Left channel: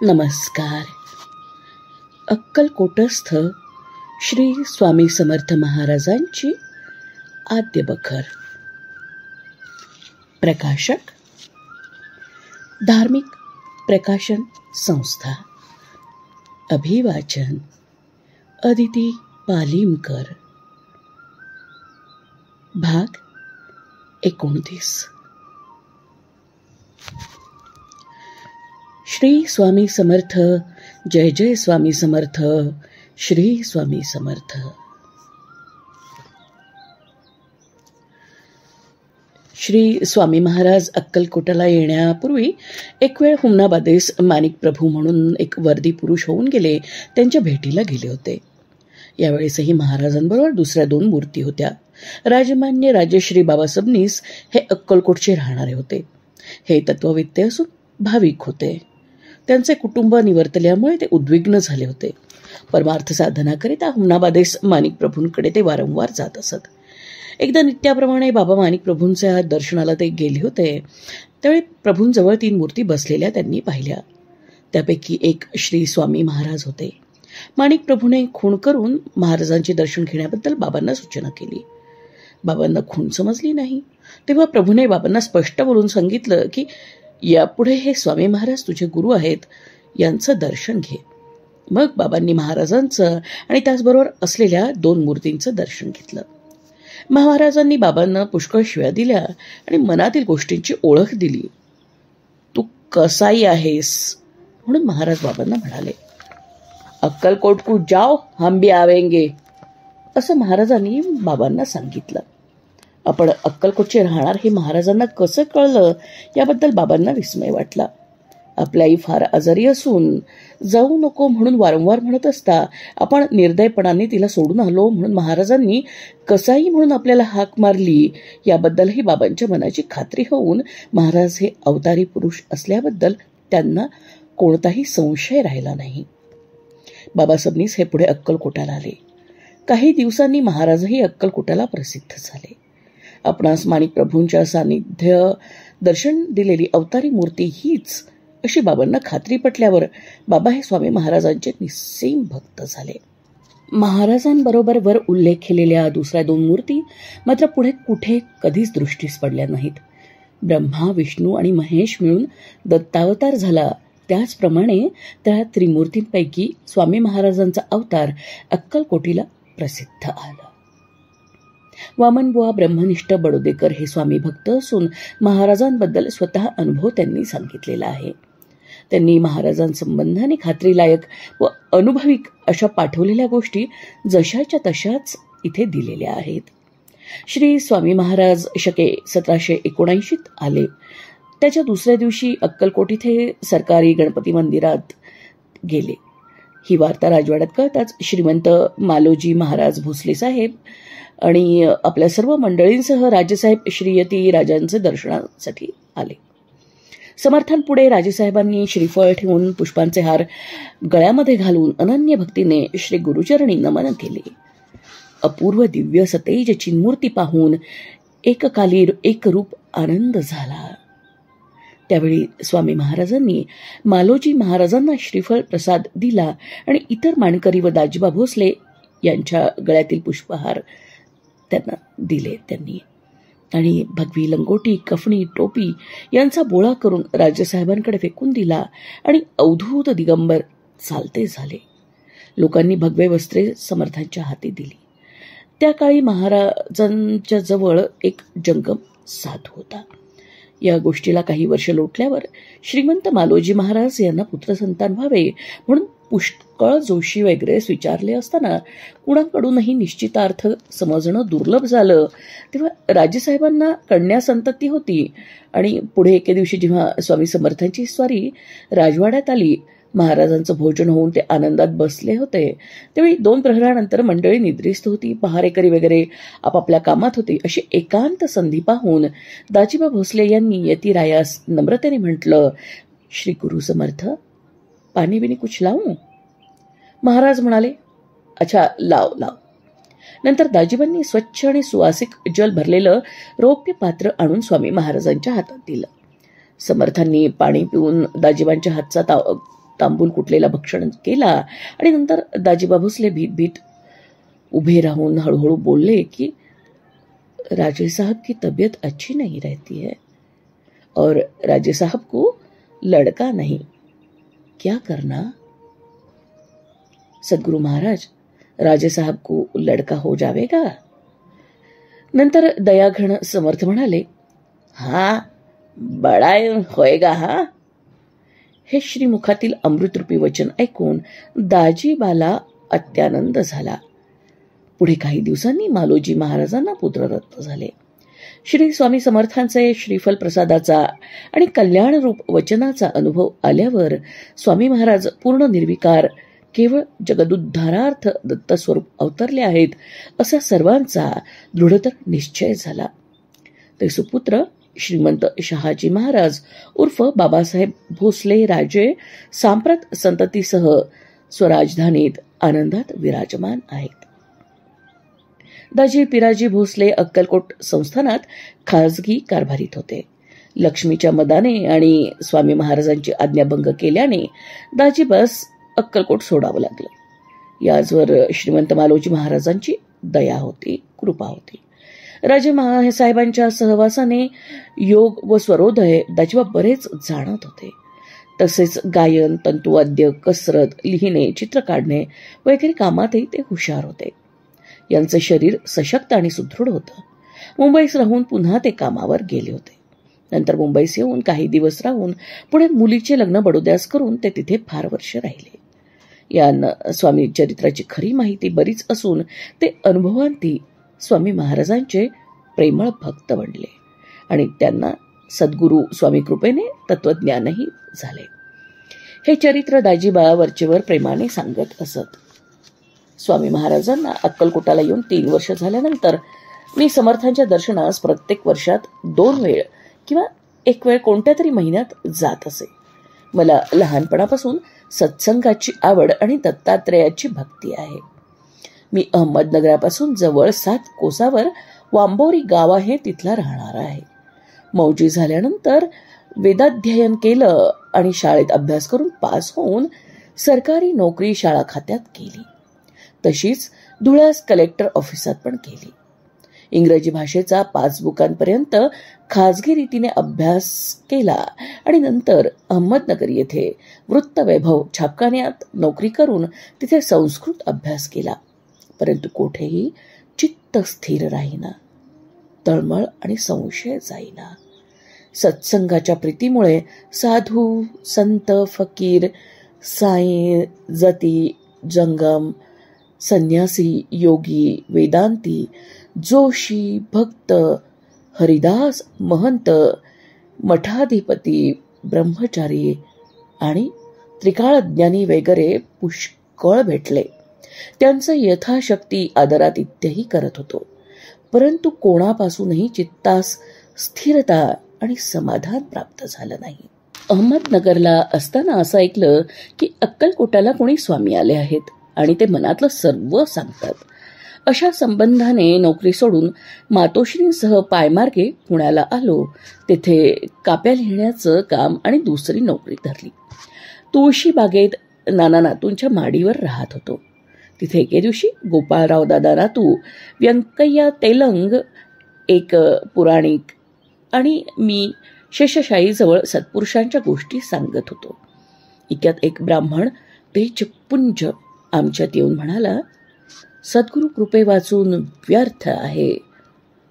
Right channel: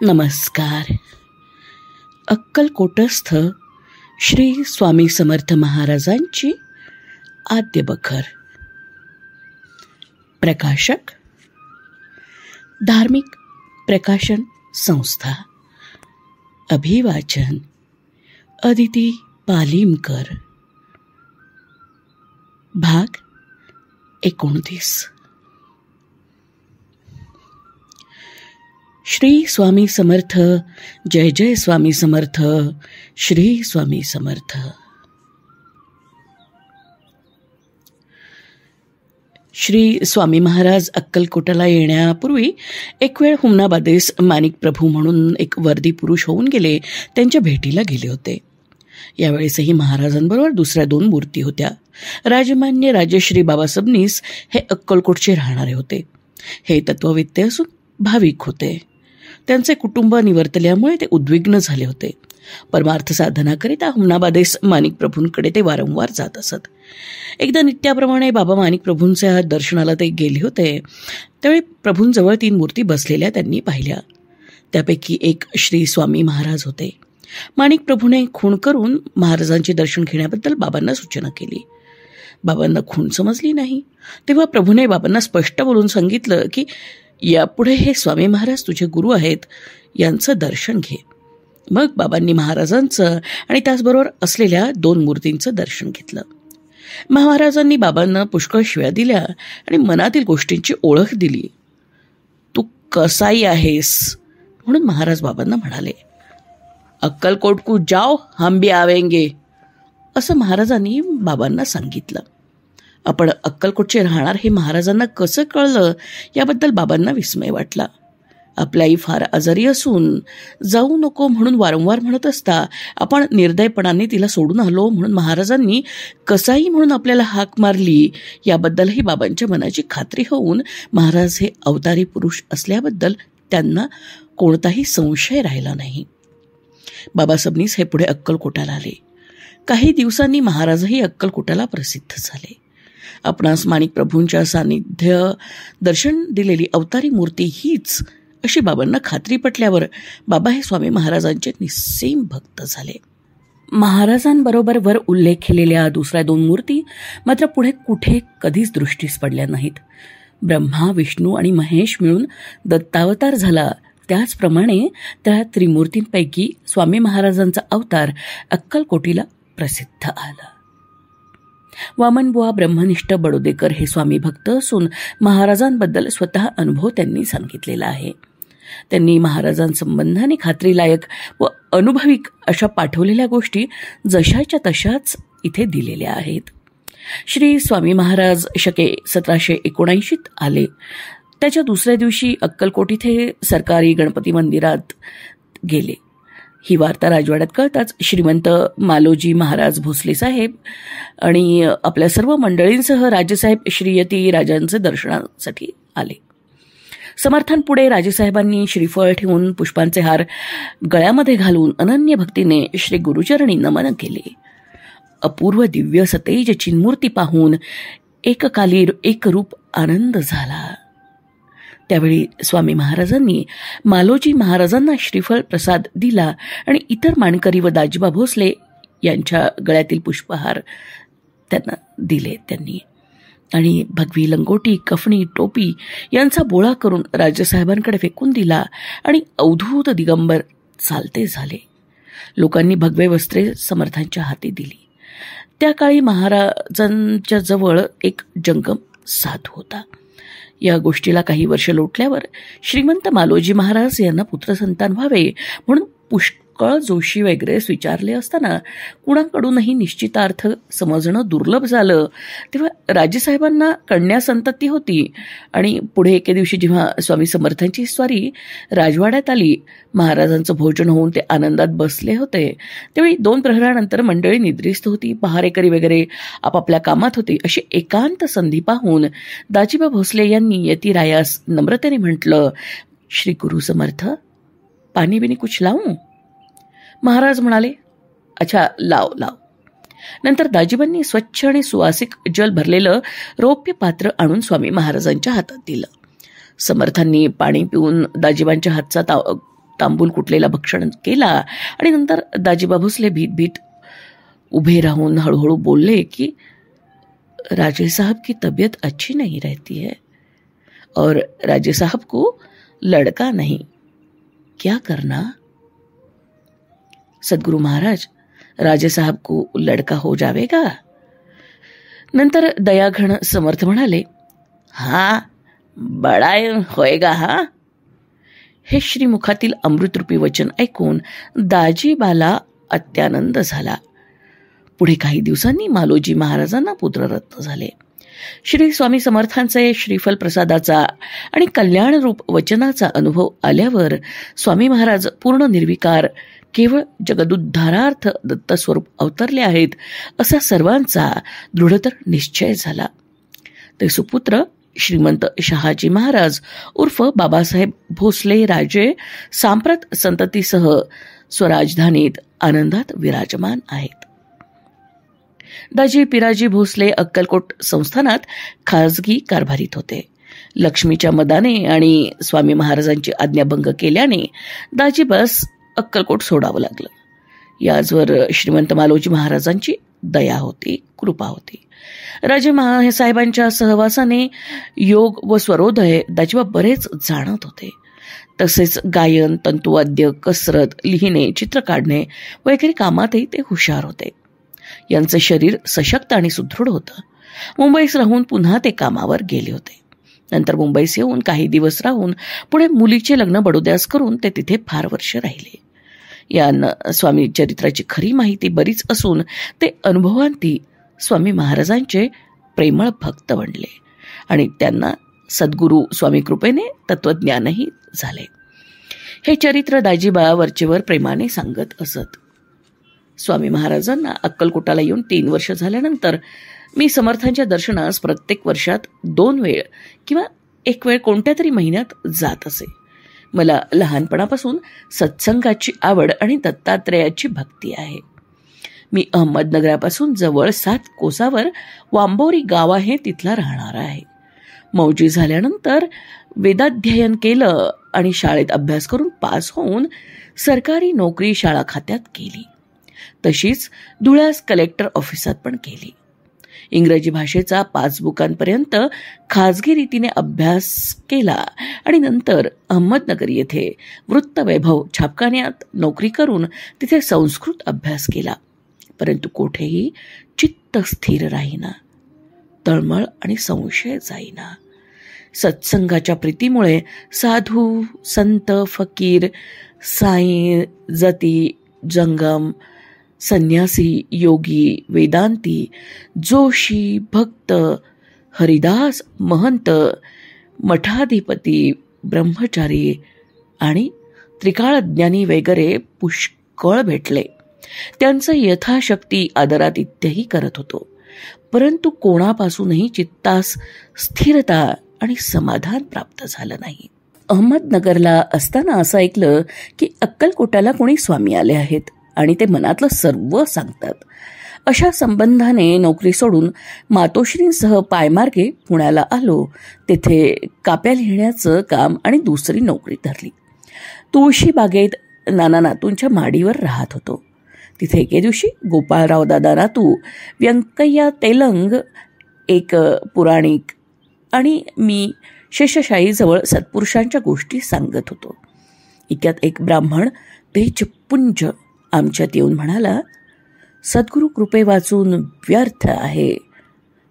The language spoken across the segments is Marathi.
नमस्कार. अक्कलकोटस्थ श्री स्वामी समर्थ महाराजांची आद्य बखर. प्रकाशक धार्मिक प्रकाशन संस्था. अभिवाचन अदिती पालीमकर. भाग 29. श्री स्वामी समर्थ. जय जय स्वामी समर्थ. श्री स्वामी समर्थ. श्री स्वामी महाराज अक्कलकोटाला येण्यापूर्वी एक वेळ हुमनाबादेस माणिक प्रभू म्हणून एक वर्दी पुरुष होऊन गेले त्यांच्या भेटीला गेले होते. यावेळेसही महाराजांबरोबर दुसऱ्या 2 मूर्ती होत्या. राजमान्य राजश्री बाबा सबनीस हे अक्कलकोटचे राहणारे होते. हे तत्ववेत्ते असून भाविक होते. त्यांचे कुटुंब निवर्तल्यामुळे ते उद्विग्न झाले होते. परमार्थ साधनाकरिता हुमनाबादेस माणिक प्रभूंकडे ते वारंवार जात असत. एकदा नित्याप्रमाणे बाबा माणिक प्रभूंच्या दर्शनाला ते गेले होते. त्यावेळी प्रभूंजवळ 3 मूर्ती बसलेल्या त्यांनी पाहिल्या. त्यापैकी एक श्री स्वामी महाराज होते. माणिक प्रभूने खूण करून महाराजांचे दर्शन घेण्याबद्दल बाबांना सूचना केली. बाबांना खूण समजली नाही. तेव्हा प्रभूने बाबांना स्पष्ट बोलून सांगितलं की यापुढे हे स्वामी महाराज तुझे गुरु आहेत, यांचं दर्शन घे. मग बाबांनी महाराजांचं आणि त्याचबरोबर असलेल्या 2 मूर्तींचं दर्शन घेतलं. महाराजांनी बाबांना पुष्कळ शिव्या दिल्या आणि मनातील गोष्टींची ओळख दिली. तू कसाई आहेस म्हणून महाराज बाबांना म्हणाले. अक्कलकोट को जाओ, हम भी आवेंगे, असं महाराजांनी बाबांना सांगितलं. आपण अक्कलकोटचे राहणार हे महाराजांना कसं कळलं याबद्दल बाबांना विस्मय वाटला. आपली आई फार आजारी असून जाऊ नको म्हणून वारंवार म्हणत असता आपण निर्दयपणाने तिला सोडून आलो म्हणून महाराजांनी कसाई म्हणून आपल्याला हाक मारली याबद्दलही बाबांच्या मनाची खात्री होऊन महाराज हे अवतारी पुरुष असल्याबद्दल त्यांना कोणताही संशय राहिला नाही. बाबा सबनीस हे पुढे अक्कलकोटाला आले. काही दिवसांनी महाराजही अक्कलकोटाला प्रसिद्ध झाले. आपणास माणिक प्रभूंच्या सानिध्य दर्शन दिलेली अवतारी मूर्ती हीच अशी बाबांना खात्री पटल्यावर बाबा हे स्वामी महाराजांचे निस्सीम भक्त झाले. महाराजांबरोबर वर उल्लेख केलेल्या दुसऱ्या 2 मूर्ती मात्र पुढे कुठे कधीच दृष्टीस पडल्या नाहीत. ब्रह्मा, विष्णू आणि महेश मिळून दत्तावतार झाला, त्याचप्रमाणे त्या त्रिमूर्तींपैकी स्वामी महाराजांचा अवतार अक्कलकोटीला प्रसिद्ध आला. वामनबुवा ब्रह्मनिष्ठ बडोदेकर हे स्वामी भक्त असून महाराजांबद्दल स्वतः अनुभव त्यांनी सांगितलेला आहे. त्यांनी महाराजांसंबंधाने खात्रीलायक व अनुभविक अशा पाठवलेल्या गोष्टी जशाच्या तशाच इथे दिलेल्या आहेत. श्री स्वामी महाराज शके 1779 आले. त्याच्या दुसऱ्या दिवशी अक्कलकोट इथे सरकारी गणपती मंदिरात गेले. ही वार्ता राजवाड्यात कळताच श्रीमंत मालोजी महाराज भोसले साहेब आणि आपल्या सर्व मंडळींसह राजेसाहेब श्रीयती राजांचे दर्शनासाठी आले. समर्थांपुढे राजेसाहेबांनी श्रीफळ ठेवून पुष्पांचे हार गळ्यामध्ये घालून अनन्य भक्तीने श्री गुरुचरणी नमन केले. अपूर्व दिव्य सतेज चिन्मूर्ती पाहून एककाली एकरूप आनंद झाला. त्यावेळी स्वामी महाराजांनी मालोजी महाराजांना श्रीफळ प्रसाद दिला आणि इतर मानकरी व दाजीबा भोसले यांच्या गळ्यातील पुष्पहार त्यांना दिले त्यांनी आणि भगवी लंगोटी, कफणी, टोपी यांचा बोळा करून राजेसाहेबांकडे फेकून दिला आणि अवधूत दिगंबर चालते झाले. लोकांनी भगवे वस्त्रे समर्थांच्या हाती दिली. त्या काळी महाराजांच्या जवळ एक जंगम साधू होता. या गोष्टीला काही वर्ष लोटल्यावर श्रीमंत मालोजी महाराज यांना पुत्रसंतान व्हावे म्हणून पुष्कळ जोशी वगैरे विचारले असताना कुणाकडूनही निश्चितार्थ समजणं दुर्लभ झालं. तेव्हा राजेसाहेबांना कन्या संतती होती आणि पुढे एके दिवशी जेव्हा स्वामी समर्थांची स्वारी राजवाड्यात आली, महाराजांचं भोजन होऊन ते आनंदात बसले होते. त्यावेळी 2 प्रहरानंतर मंडळी निद्रिस्त होती, पहारेकरी वगैरे आपापल्या कामात होती. अशी एकांत संधी पाहून दाजीबा भोसले यांनी यतीरायास नम्रतेने म्हटलं, श्री गुरु समर्थ, पाणी बिनी कुछ लावूं? महाराज म्हणाले, अच्छा लाव लाव. नंतर दाजीबांनी स्वच्छ आणि सुवासिक जल भरलेलं रौप्य पात्र आणून स्वामी महाराजांच्या हातात दिलं. समर्थांनी पाणी पिऊन दाजीबांच्या हातचा तांबूल कुटलेला भक्षण केला आणि नंतर दाजीबा भोसले भीत उभे राहून हळूहळू बोलले की राजे साहब की तबीयत अच्छी नहीं रहती है और राजे साहब को लड़का नहीं, क्या करना? सदगुरु महाराज, राजे साहब को लड़का हो जावेगा? नंतर दयाघन समर्थ म्हणाले, हाँ बड़ा होएगा. हा. हे श्रीमुखातील अमृतरूपी वचन ऐकून दाजीबाला अत्यानंद झाला. पुढे काही दिवसांनी मालोजी महाराजांना पुत्ररत्न झाले. श्री स्वामी समर्थांचे श्रीफल प्रसादाचा आणि कल्याणरूप वचनाचा अनुभव आल्यावर स्वामी महाराज पूर्ण निर्विकार केवळ जगदुद्धारार्थ दत्तस्वरूप अवतरले आहेत असा सर्वांचा दृढतर निश्चय झाला. ते सुपुत्र श्रीमंत शहाजी महाराज उर्फ बाबासाहेब भोसले राजे सांप्रत संततीसह स्वराजधानीत आनंदात विराजमान आहेत. दाजी पिराजी भोसले अक्कलकोट संस्थानात खाजगी कारभारीत होते. लक्ष्मीच्या मदाने आणि स्वामी महाराजांची आज्ञाभंग केल्याने दाजीबास अक्कलकोट सोडावं लागलं. याचवर श्रीमंत मालोजी महाराजांची दया होती, कृपा होती. राजे साहेबांच्या सहवासाने योग व स्वरोदय दाजीबा बरेच जाणत होते. तसेच गायन, तंतुवाद्य, कसरत, लिहिणे, चित्र काढणे वगैरे कामातही ते हुशार होते. यांचे शरीर सशक्त आणि सुदृढ होतं. मुंबईस राहून पुन्हा ते कामावर गेले होते. नंतर मुंबईस येऊन काही दिवस राहून पुढे मुलीचे लग्न बडोद्यास करून ते तिथे फार वर्ष राहिले. यांना स्वामी चरित्राची खरी माहिती बरीच असून ते अनुभवांती स्वामी महाराजांचे प्रेमळ भक्त बनले आणि त्यांना सद्गुरू स्वामी कृपेने तत्वज्ञानही झाले. हे चरित्र दाजीबा वरचेवर प्रेमाने सांगत असत. स्वामी महाराजांना अक्कलकोटाला येऊन 3 वर्ष झाल्यानंतर मी समर्थांच्या दर्शनास प्रत्येक वर्षात 2 वेळ किंवा 1 वेळ कोणत्या तरी महिन्यात जात असे. मला लहानपणापासून सत्संगाची आवड आणि दत्तात्रेयाची भक्ती आहे. मी अहमदनगरापासून जवळ 7 कोसावर वांबोरी गाव आहे, तिथला राहणार आहे. मौजी झाल्यानंतर वेदाध्ययन केलं आणि शाळेत अभ्यास करून पास होऊन सरकारी नोकरी शाळा खात्यात केली. तशीच धुळ्यास कलेक्टर ऑफिसात पण केली. इंग्रजी भाषेचा 5 बुकांपर्यंत खाजगी रीतीने अभ्यास केला आणि नंतर अहमदनगर येथे वृत्तवैभव छापखान्यात नोकरी करून तिथे संस्कृत अभ्यास केला. परंतु कोठेही चित्त स्थिर राहीना, तळमळ आणि संशय जाईना. सत्संगाच्या प्रीतीमुळे साधू, संत, फकीर, साई, जती, जंगम, संन्यासी, योगी, वेदांती, जोशी, भक्त, हरिदास, महंत, मठाधिपती, ब्रह्मचारी आणि त्रिकाळज्ञानी वगैरे पुष्कळ भेटले. त्यांचं यथाशक्ती आदरातिथ्यही करत होतो. परंतु कोणापासूनही चित्तास स्थिरता आणि समाधान प्राप्त झालं नाही. अहमदनगरला असताना असं ऐकलं की अक्कलकोटाला कोणी स्वामी आले आहेत आणि ते मनातलं सर्व सांगतात. अशा संबंधाने नोकरी सोडून मातोश्रींसह पायमार्गे पुण्याला आलो. तेथे काप्या लिहिण्याचं काम आणि दुसरी नोकरी धरली. तुळशी बागेत नाना नातूंच्या माडीवर राहत होतो. तिथे एके दिवशी गोपाळराव दादा नातू, व्यंकय्या तेलंग, एक पुराणिक आणि मी शेषशाहीजवळ सत्पुरुषांच्या गोष्टी सांगत होतो. इतक्यात एक ब्राह्मण तेजपुंज आमच्यात येऊन म्हणाला, सद्गुरू कृपे वाचून व्यर्थ आहे.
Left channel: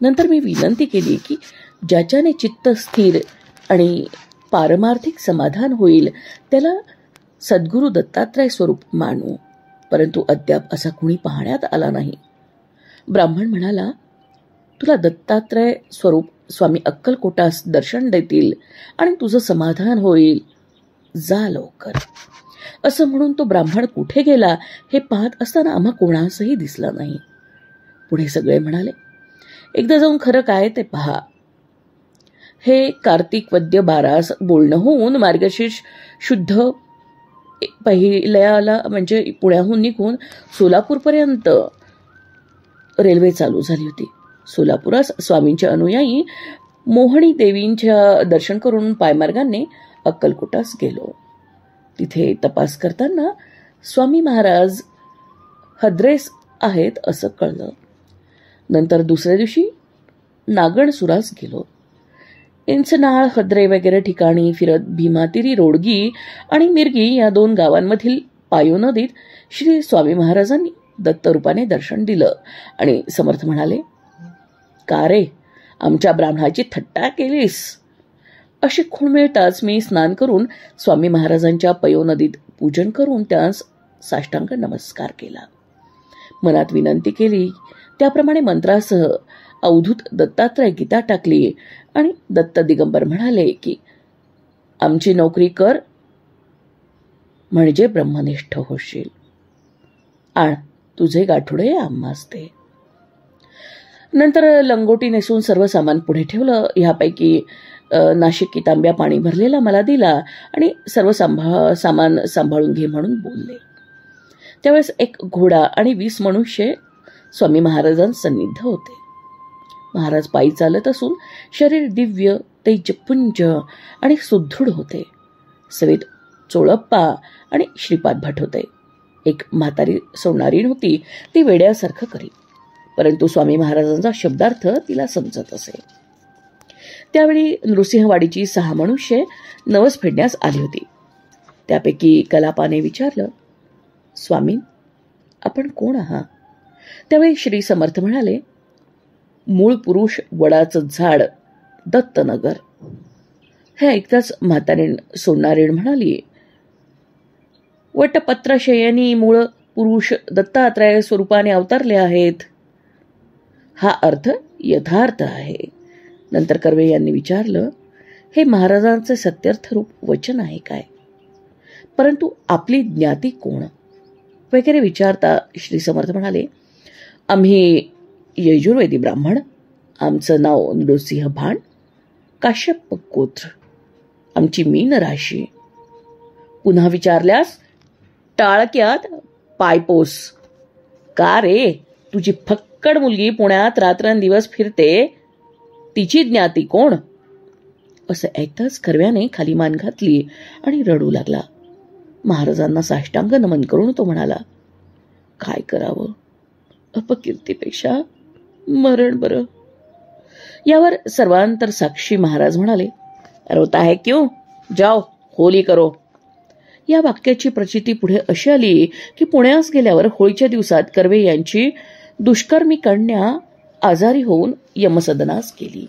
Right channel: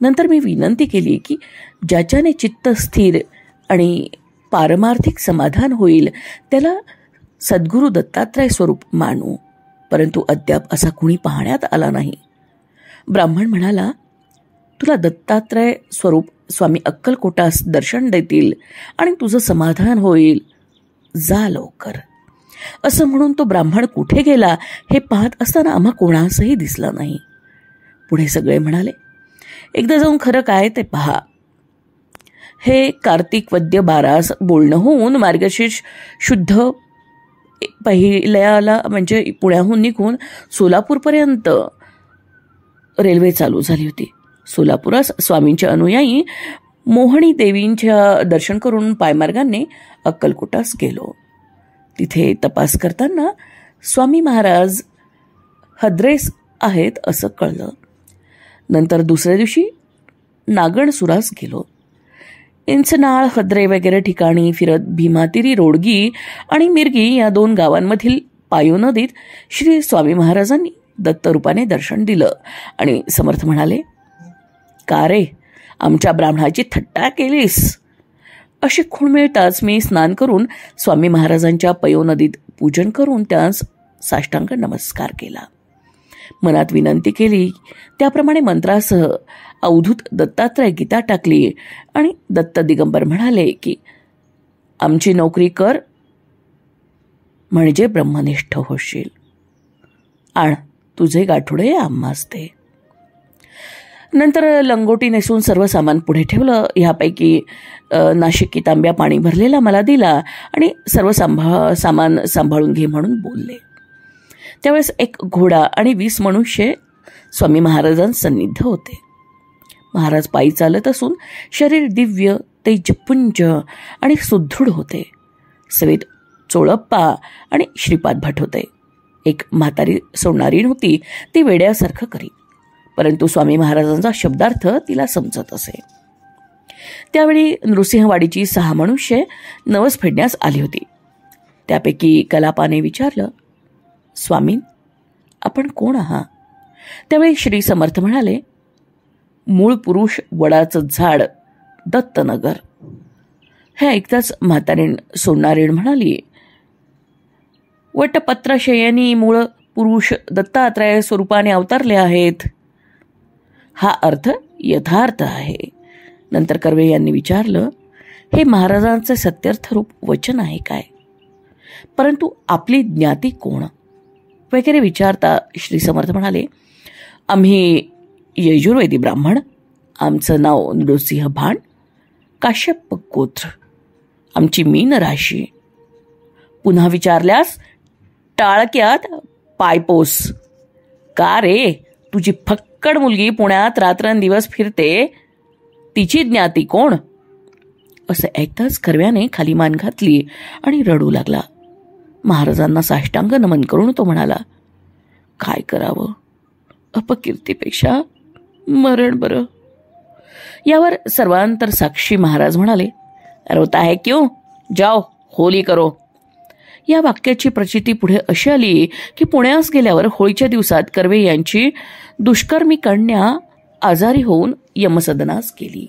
नंतर मी विनंती केली की ज्याच्याने चित्त स्थिर आणि पारमार्थिक समाधान होईल त्याला सद्गुरू दत्तात्रय स्वरूप मानू. परंतु अद्याप असा कुणी पाहण्यात आला नाही. ब्राह्मण म्हणाला, तुला दत्तात्रय स्वरूप स्वामी अक्कलकोटास दर्शन देतील आणि तुझं समाधान होईल, जा लवकर. असं म्हणून तो ब्राह्मण कुठे गेला हे पाहत असताना आम्हा कोणासही दिसला नाही. पुढे सगळे म्हणाले, एकदा जाऊन खरं काय ते पहा. हे कार्तिक वद्य 12 बोलणं होऊन मार्गशीर्ष शुद्ध पहिल्याला म्हणजे पुण्याहून निघून सोलापूरपर्यंत रेल्वे चालू झाली होती. सोलापुरास स्वामींच्या अनुयायी मोहनी देवींच्या दर्शन करून पायमार्गाने अक्कलकोटास गेलो. तिथे तपास करताना स्वामी महाराज हद्रेस आहेत असं कळलं. नंतर दुसऱ्या दिवशी नागणसुरास गेलो. इंचनाळ, हद्रे वगैरे ठिकाणी फिरत भीमातिरी, रोडगी आणि मिरगी या 2 गावांमधील पायू नदीत श्री स्वामी महाराजांनी दत्तरूपाने दर्शन दिलं आणि समर्थ म्हणाले, का रे, आमच्या ब्राह्मणाची थट्टा केलीस? अशी खूण मिळताच मी स्नान करून स्वामी महाराजांच्या पयो नदीत पूजन करून त्यास साष्टांग नमस्कार केला. मनात विनंती केली. त्याप्रमाणे मंत्रासह अवधूत दत्तात्रय गीता टाकली आणि दत्त दिगंबर म्हणाले की आमची नोकरी कर म्हणजे ब्रह्मनिष्ठ होशील. आण तुझे गाठोडे आम्हास दे. नंतर लंगोटी नेसून सर्व सामान पुढे ठेवलं. ह्यापैकी नाशिकी तांब्या पाणी भरलेला मला दिला आणि सर्व सामान सांभाळून घे म्हणून बोलले. त्यावेळेस एक घोडा आणि 20 मनुष्य स्वामी महाराजांसन्निध होते. महाराज पायी चालत असून शरीर दिव्य, तेजपुंज आणि सुदृढ होते. सवेत चोळप्पा आणि श्रीपाद भट होते. एक म्हातारी सोडणारी नव्हती, ती वेड्यासारखं करी, परंतु स्वामी महाराजांचा शब्दार्थ तिला समजत असे. त्यावेळी नृसिंहवाडीची 6 मनुष्य नवस फेडण्यास आली होती. त्यापैकी कलापाने विचारलं, स्वामी आपण कोण आहात? त्यावेळी श्री समर्थ म्हणाले, मूळ पुरुष वडाचं झाड, दत्तनगर. हे ऐकताच म्हातारीण सोडणारीण म्हणाली, वटपत्रशयनी मूळ पुरुष दत्तात्रय स्वरूपाने अवतारले आहेत. हा अर्थ यथार्थ आहे. नंतर कर्वे यांनी विचारलं, हे महाराजांचे सत्यर्थ रूप वचन आहे काय? परंतु आपली ज्ञाती कोण वगैरे विचारता श्री समर्थ म्हणाले, आम्ही यजुर्वेदी ब्राह्मण. आमचं नाव नृसिंह भाण, काश्यप गोत्र. आमची मीन राशी. पुन्हा विचारल्यास टाळक्यात पायपोस. का रे, तुझी फक्कड मुलगी पुण्यात रात्रंदिवस फिरते, तिची ज्ञाती कोण? असं ऐकताच कर्व्याने खाली मान घातली आणि रडू लागला. महाराजांना साष्टांग नमन करून तो म्हणाला, काय करावं, अपकीर्तीपेक्षा मरण बरं. यावर सर्वांतर साक्षी महाराज म्हणाले, रोता है क्यों, जाओ होली करो. या वाक्याची प्रचिती पुढे अशी आली की पुण्यास गेल्यावर होळीच्या दिवसात कर्वे यांची दुष्कर्मी कन्या आजारी होऊन यमसदनास गेली.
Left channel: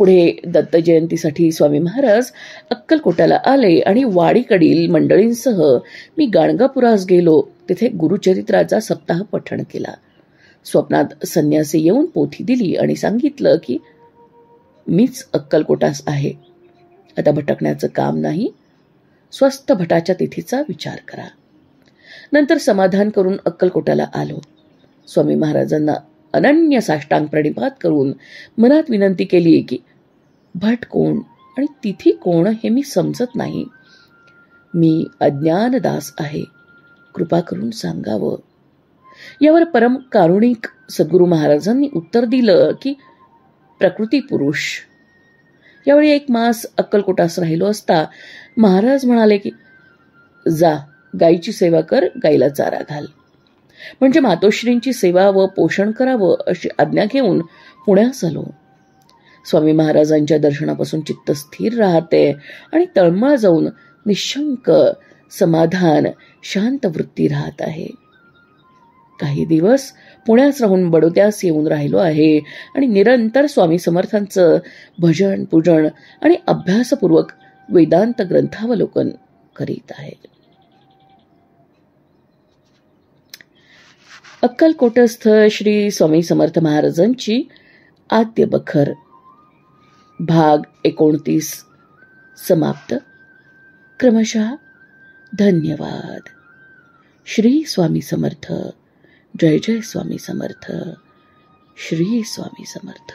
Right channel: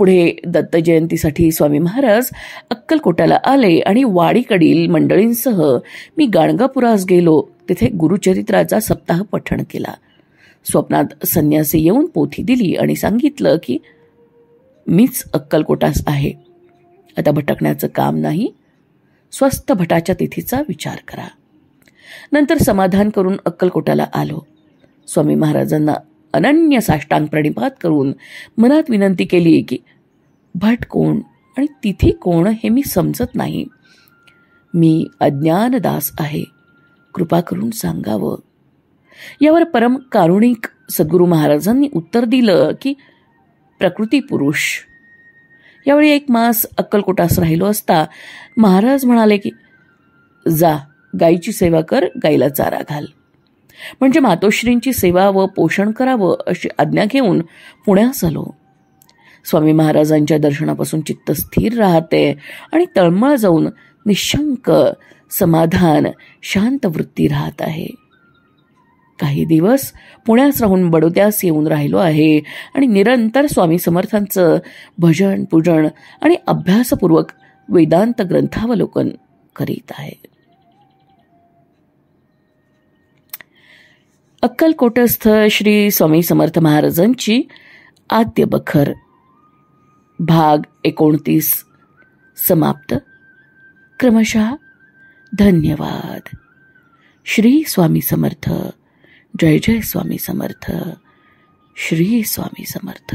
पुढे दत्त जयंतीसाठी स्वामी महाराज अक्कलकोटाला आले आणि वाडीकडील मंडळींसह मी गाणगापुरास गेलो. तिथे गुरुचरित्राचा सप्ताह पठण केला. स्वप्नात संन्यासी येऊन पोथी दिली आणि सांगितलं की मीच अक्कलकोटास आहे. आता भटकण्याचं काम नाही. स्वस्थ भटाच्या तिथीचा विचार करा. नंतर समाधान करून अक्कलकोटाला आलो. स्वामी महाराजांना अनन्य साष्टांग प्रणिपात करून मनात विनंती केली की भट कोण आणि तिथी कोण हे मी समजत नाही. मी अज्ञानदास आहे, कृपा करून सांगावं. यावर परम कारुणिक सद्गुरू महाराजांनी उत्तर दिलं की प्रकृती पुरुष. यावेळी 1 मास अक्कलकोटास राहिलो असता महाराज म्हणाले की जा गायीची सेवा कर, गायीला चारा घाल. म्हणजे मातोश्रींची सेवा व पोषण करावं अशी आज्ञा घेऊन पुण्यास आलो. स्वामी महाराजांच्या दर्शनापासून चित्त स्थिर राहते आणि तळमळ जाऊन निशंक समाधान शांत वृत्ती राहत आहे. काही दिवस पुण्यास राहून बडोद्यास येऊन राहिलो आहे आणि निरंतर स्वामी समर्थांचं भजन, पूजन आणि अभ्यासपूर्वक वेदांत ग्रंथावलोकन करीत आहे. अक्कलकोटस्थ श्री स्वामी समर्थ महाराजांची आद्य बखर भाग 29 समाप्त. क्रमशः धन्यवाद. श्री स्वामी समर्थ. जय जय स्वामी समर्थ. श्री स्वामी समर्थ.